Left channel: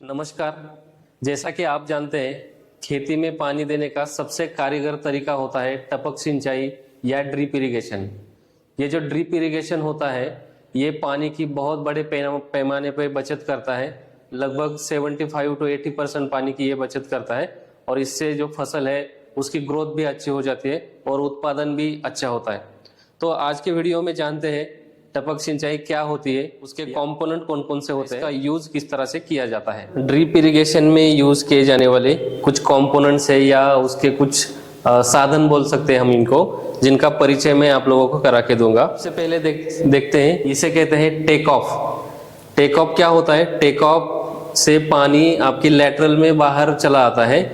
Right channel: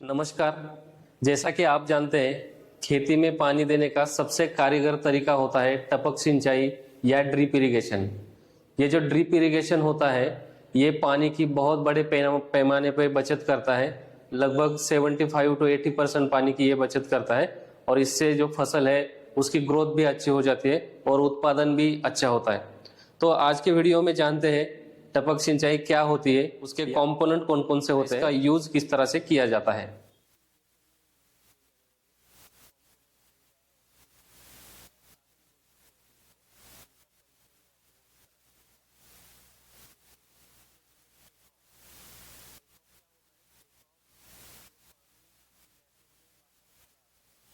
नमस्कार। जैसा कि आप जानते हैं, खेती में पानी देने का सबसे कारगर तरीका होता है टपक सिंचाई या ड्रिप इरिगेशन। ये जो ड्रिप इरिगेशन होता है, ये पानी की बहुत बड़े पैमाने पर बचत करता है। लगभग 75 to 80% पानी की ये बचत करता है और इससे जो फसल है उसकी ग्रोथ भी अच्छी हो जाती है और उत्पादन भी अच्छा होता है। तो आज के वीडियो में जानते हैं टपक सिंचाई क्या होती है, उसके कंपोनेंट कौन कौन से होते हैं, इसका यूज किस तरह से किया जाता है। ड्रिप इरिगेशन में यूज किए जाने वाले कुछ कंपोनेंट्स है या उसके कुछ साधन बोल सकते हैं हम इनको, जिनका परिचय मैं आप लोगों को करा के दूंगा। सबसे पहले देखते हैं, इसे कहते हैं टेक ऑफ। टेक ऑफ क्या होता है? टेक ऑफ से पानी आपकी लेटरल में बाहर चला आता है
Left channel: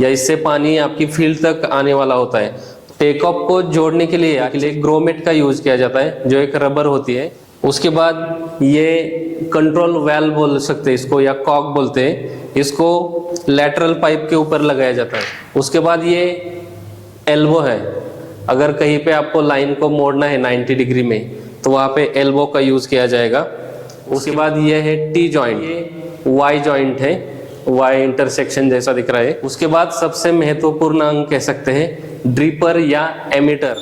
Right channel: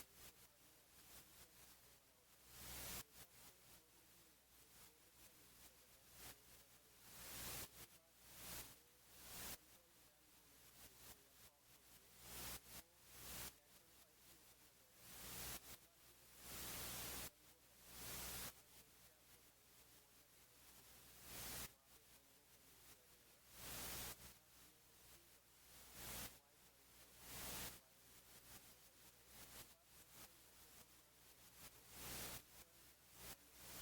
या इससे पानी आपकी फील्ड तक आने वाला होता है। टेक ऑफ को जोड़ने के लिए ग्रोमेट का यूज किया जाता है, जो एक रबर होती है। उसके बाद ये कंट्रोल वाल्व बोल सकते हैं इसको, या कॉक बोलते हैं इसको, लेटरल पाइप के ऊपर लगाया जाता है। उसके बाद ये एल्बो है, अगर कहीं पे आपको लाइन को मोड़ना है 90 डिग्री में तो वहाँ पे एल्बो का यूज किया जाएगा। उसके बाद ये है टी जॉइंट, ये वाई जॉइंट है, वाई इंटरसेक्शन जैसा दिख रहा है। उसके बाद सबसे महत्वपूर्ण अंग कह सकते हैं ड्रिपर या एमीटर।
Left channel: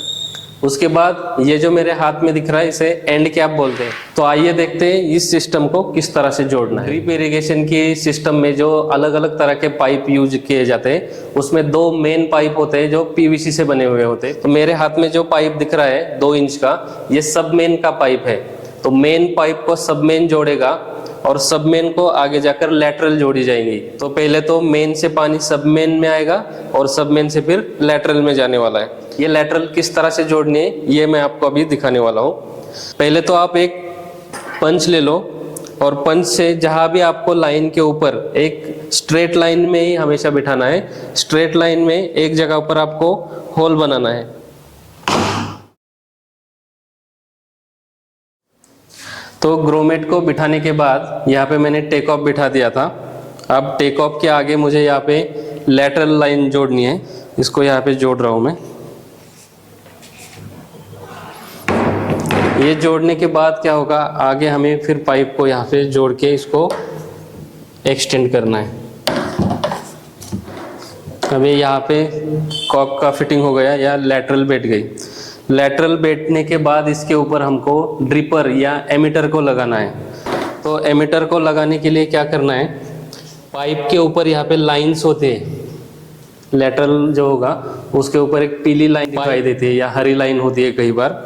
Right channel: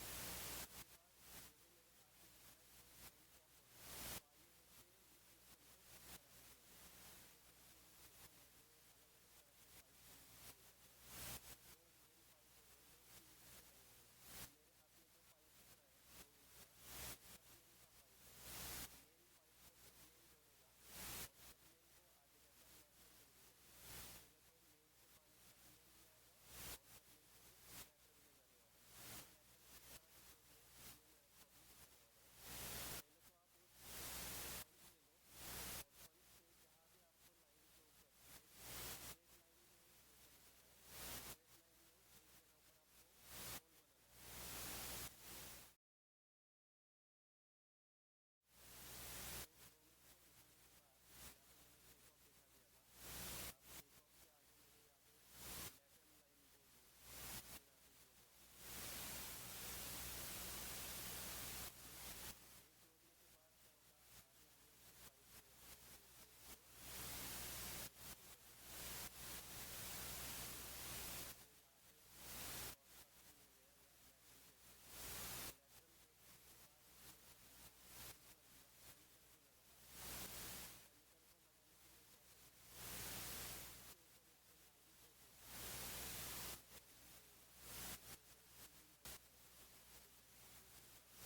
उसके बाद ये जो मेरे हाथ में दिख रहा है इसे एंड कैप बोलते हैं। तो आइए देखते हैं इस सिस्टम को किस तरह से जोड़ना है। ड्रिप इरिगेशन के सिस्टम में जो अलग अलग तरह के पाइप यूज किए जाते हैं, उसमें दो मेन पाइप होते हैं जो पीवीसी से बने हुए होते हैं। तो मेरे हाथ में जो पाइप दिख रहा है 2 इंच का, ये सब मेन का पाइप है। तो मेन पाइप को सब मेन जोड़ेगा और सब मेन को आगे जाकर लेटरल जोड़ी जाएंगी। तो पहले तो मेन से पानी सब मेन में आएगा और सब मेन से फिर लेटरल में जाने वाला है। ये लेटरल किस तरह से जोड़नी है ये मैं आपको अभी दिखाने वाला हूँ। पहले तो आप एक पंच ले लो और पंच से जहाँ भी आपको लाइन के ऊपर, एक स्ट्रेट लाइन में ही हमेशा बिठाना है। स्ट्रेट लाइन में एक जगह पर आपको होल बनाना है। तो ग्रोमेट को बिठाने के बाद यहाँ पे मैंने टेक ऑफ बिठा दिया था। अब टेक ऑफ के आगे मुझे यहाँ पे लेटरल लाइन जोड़नी है, इसको यहाँ पे जोड़ रहा हूँ मैं। ये जोड़ने के बाद क्या होगा, आगे हमें फिर पाइप को यहाँ पे जोड़ के इसको एक्सटेंड करना है। अभी यहाँ पे कॉक का फिटिंग हो गया या लेटरल बैठ गई। लेटरल बैठने के बाद इसके ऊपर हमको ड्रिपर या एमीटर को लगाना है। तो एमीटर को लगाने के लिए क्या करना है, पाइप के ऊपर यहाँ पे लाइंस होते हैं। लेटरल जो होगा उसके ऊपर एक पीली लाइन दिखाई देती है या हरी लाइन होती है कई बार।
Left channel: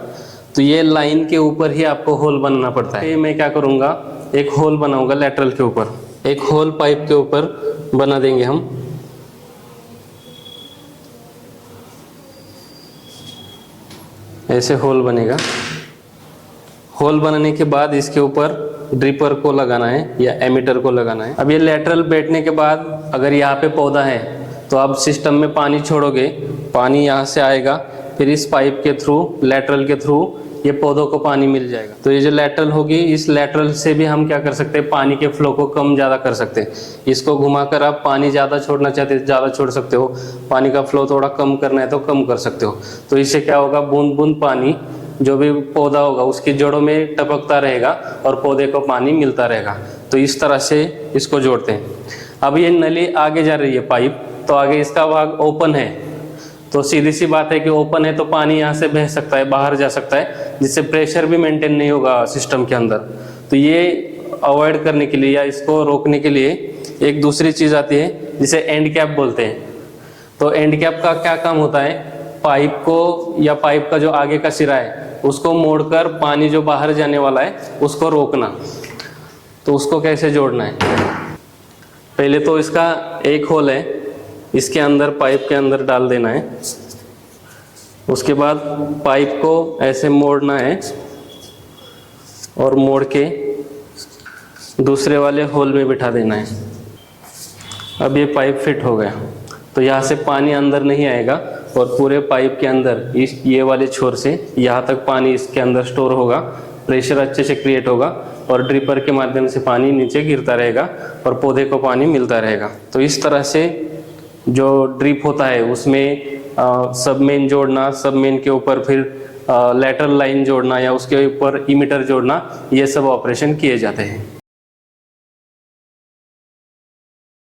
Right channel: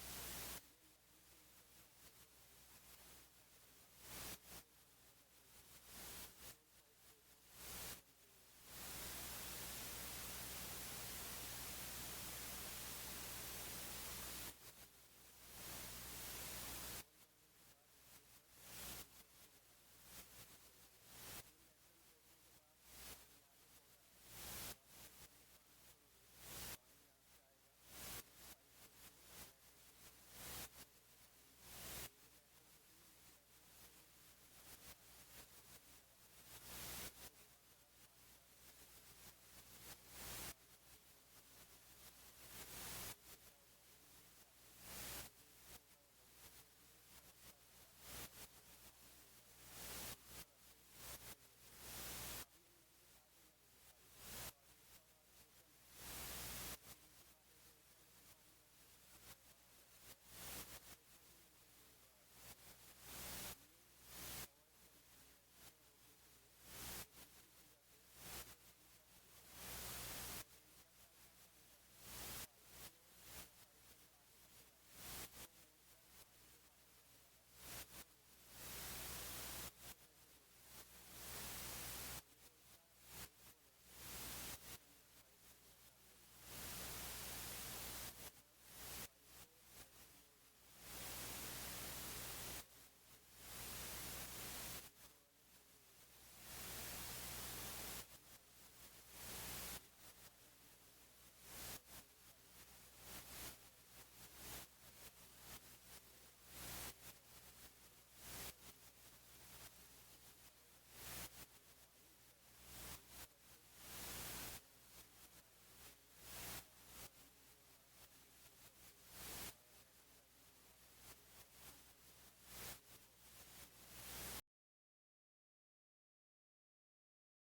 तो ये लाइन के ऊपर ही आपको होल बनाना पड़ता है। मैं क्या करूँगा, एक होल बनाऊंगा लेटरल के ऊपर, एक होल पाइप के ऊपर बना देंगे हम। ऐसे होल बनेगा। होल बनाने के बाद इसके ऊपर ड्रिपर को लगाना है या एमीटर को लगाना है। अब ये लेटरल बैठने के बाद अगर यहाँ पे पौधा है तो आप सिस्टम में पानी छोड़ोगे, पानी यहाँ से आएगा, फिर इस पाइप के थ्रू, लेटरल के थ्रू ये पौधों को पानी मिल जाएगा। तो ये जो लेटरल होगी, इस लेटरल से भी हम क्या कर सकते हैं, पानी के फ्लो को कम ज़्यादा कर सकते हैं। इसको घुमाकर आप पानी ज़्यादा छोड़ना चाहते हैं ज़्यादा छोड़ सकते हो, पानी का फ्लो थोड़ा कम करना है तो कम कर सकते हो। तो इससे क्या होगा, बूंद बूंद पानी जो भी पौधा होगा उसकी जड़ों में टपकता रहेगा और पौधे को पानी मिलता रहेगा। तो इस तरह से इसको जोड़ते हैं। अब ये नली आगे जा रही है पाइप, तो आगे इसका भाग ओपन है, तो सीधी सी बात है कि ओपन है तो पानी यहाँ से बह सकता है, बाहर जा सकता है, जिससे प्रेशर भी मेंटेन नहीं होगा सिस्टम के अंदर। तो ये अवॉइड करने के लिए या इसको रोकने के लिए एक दूसरी चीज़ आती है जिसे एंड कैप बोलते हैं। तो एंड कैप का क्या काम होता है, पाइप को या पाइप का जो आगे का सिरा है उसको मोड़कर पानी जो बाहर जाने वाला है उसको रोकना। तो उसको कैसे जोड़ना है, पहले तो इसका एक होल है, इसके अंदर पाइप के अंदर डाल देना है। उसके बाद पाइप को ऐसे मोड़ना है और मोड़ के दूसरे वाले होल में बिठा देना है। अब ये पाइप फिट हो गया, तो यहाँ से पानी अंदर नहीं आएगा और पूरे पाइप के अंदर इस ये वाले छोर से यहाँ तक पानी इसके अंदर स्टोर होगा, प्रेशर अच्छे से क्रिएट होगा और ड्रिपर के माध्यम से पानी नीचे गिरता रहेगा और पौधे को पानी मिलता रहेगा। तो इस तरह से जो ड्रिप होता है उसमें सब मेन जोड़ना, सब मेन के ऊपर फिर लेटरल लाइन जोड़ना या उसके ऊपर इमीटर जोड़ना, ये सब ऑपरेशन किए जाते हैं।